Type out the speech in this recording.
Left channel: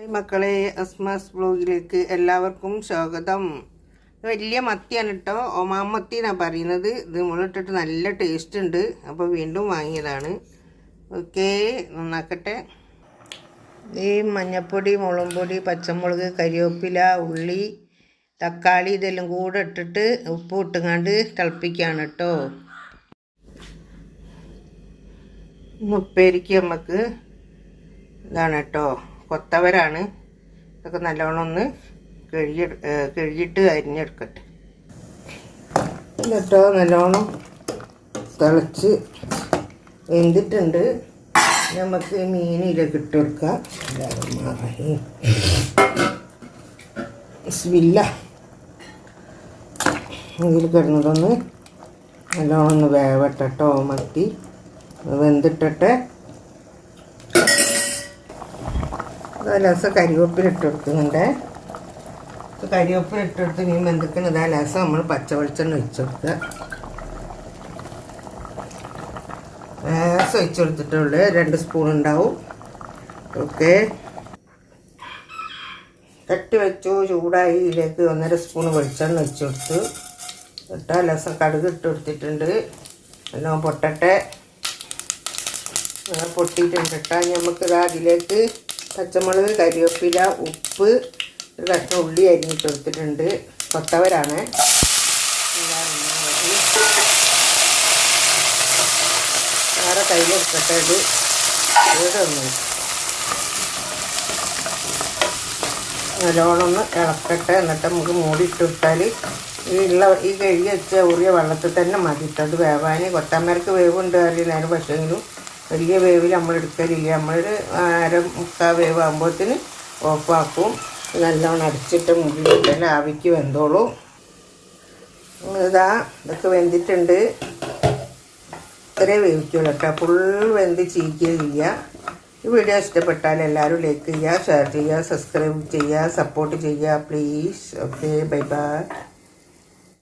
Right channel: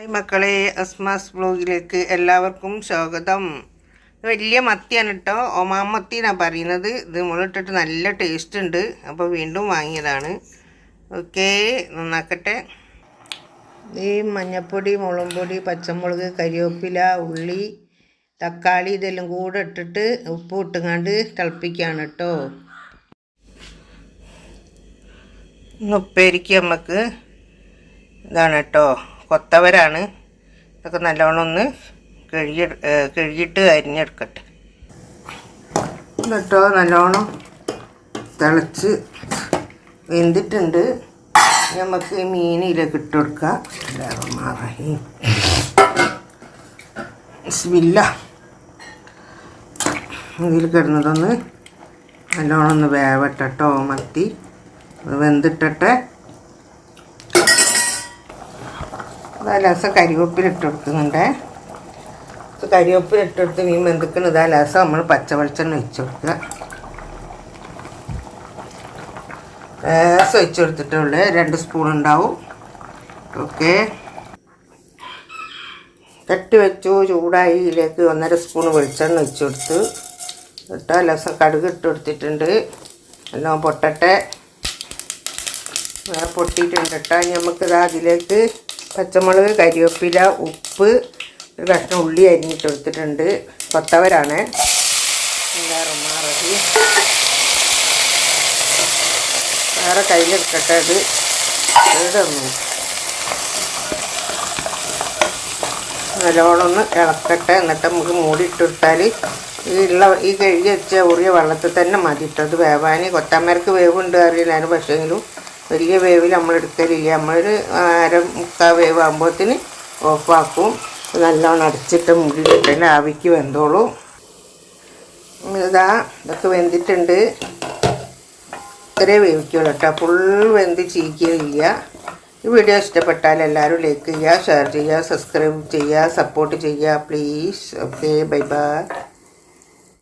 Hi മക്കളെ, അസ്മാസ് ബ്ലോഗിലേക്ക് എല്ലാവർക്കും സ്വാഗതം. വലിയ മത്തിയാണ് കേട്ടോ, ഒമാൻ മത്തി എന്നാണ് പറയുന്നത്. ഇത് മുളിട്ടിട്ട് നല്ല ടേസ്റ്റ് ഉണ്ട്. അപ്പോൾ വീണ്ടും വാങ്ങിയതാണ്. ഓക്കെ, നന്നാക്കട്ടെ. ഈ മഞ്ഞൾപ്പൊടി, മുളക് പൊടി, പച്ചമുളക്, കരിവേപ്പില, ഉള്ളി, തക്കാളി ഇതെല്ലാം കൂടെ ഇട്ടിട്ട് ഉപ്പ് ഇട്ടുകൊണ്ട് തിളപ്പിക്കുകയാണ് കേട്ടോ. ഉപ്പേരിക്ക് നമുക്ക് ഇതാണ് കേട്ടോ, കൊത്തവരാണ്. ഇതൊക്കെ നല്ലോണം ഒന്ന് കഴുകിയിട്ട് അരിഞ്ഞെടുക്കട്ടെ കേട്ടോ. നല്ലോണം തിളച്ച് വെന്തിട്ടുണ്ട്. നമുക്ക് ഈ മീനിലേക്ക് ഇട്ട് കൊടുക്കാം. ബിസ്മില്ല. ഇതിൽ കിടന്നതൊന്ന് നല്ലോണം ഒന്ന് വേവട്ടോ. മത്തി വെന്തിട്ടെ. ലാസം കരിവേപ്പില ഇട്ട് കൊടുക്കുന്നുണ്ട്. കരിവേപ്പില ഇട്ട് കൊടുത്ത് മീൻ വെന്തിക്കുന്നത്. ലാസം നമ്മൾ പച്ചവെളിച്ചെണ്ണ ഒഴിച്ചു കൊടുക്കുക. ലാസം ഒഴിച്ചു കൊടുത്തിട്ടുള്ളൂ. 2 സ്പൂൺ ഉണ്ടാവും. ഓക്കെ, തട്ടി വെച്ചു. ചൂടായി. ഇതിലേക്ക് 1.5 സ്പൂൺ വെളിച്ചെണ്ണ ഒഴിച്ചു കൊടുത്തു കേട്ടോ. ലാസം കടുക് ഇട്ട് കൊടുത്തിട്ടുണ്ട്. എല്ലാം പൊട്ടട്ടെ. പൊട്ടിയിട്ടുണ്ട് കേട്ടോ. നമുക്കിത് അതിലേക്ക് പച്ചമുളക്, കരിവേപ്പില, ഉപ്പ്, ഒരു കഷ്ണം ഉള്ളി അരിഞ്ഞിട്ട് കൊടുത്തിട്ടുണ്ട്. കൊത്തവരാണ്. വേറെ കയ്യിലെടുക്കട്ടെ. അത് ഏതൊന്നും നല്ലോണം ഒന്ന് ഇളക്കട്ടെ. എന്നിട്ട് നമുക്ക് മൂടി ഇട്ടെടുത്താൽ ഈ കഴുകി വെച്ച ഉറിയ വെള്ളത്തിൽ തന്നെ മതി ഇട്ടത് വേവാൻ. കൊത്തമരക്ക് വേവുണ്ട് അറിയില്ലായിരുന്നു. പക്ഷേങ്കിലും വലിയ വേവിൽ നമ്മൾ എടുക്കലില്ല. നമ്മളൊരു 1/4 വേവ് ആകുമ്പോഴത്തേന് ഓഫാക്കും. നല്ലോണം അടച്ചിട്ട് മുടിയിട്ട് തന്നെ ആവിക്ക് വെന്തോളൂ. ഇതൊക്കെ വെന്തിട്ടുണ്ട്. ഇത്രേ വേവിക്കുള്ളൂ കേട്ടോ. ഫുൾ വെന്ത് ചീക്കുകയില്ല. ഈ വീഡിയോ ഇഷ്ടപ്പെട്ടാൽ എല്ലാവരും ലൈക്ക് ചെയ്യുക, ഷെയർ ചെയ്യുക, സബ്സ്ക്രൈബ് ചെയ്യുക, സപ്പോർട്ട് ചെയ്യുക പ്ലീസ്. Okay, bye bye.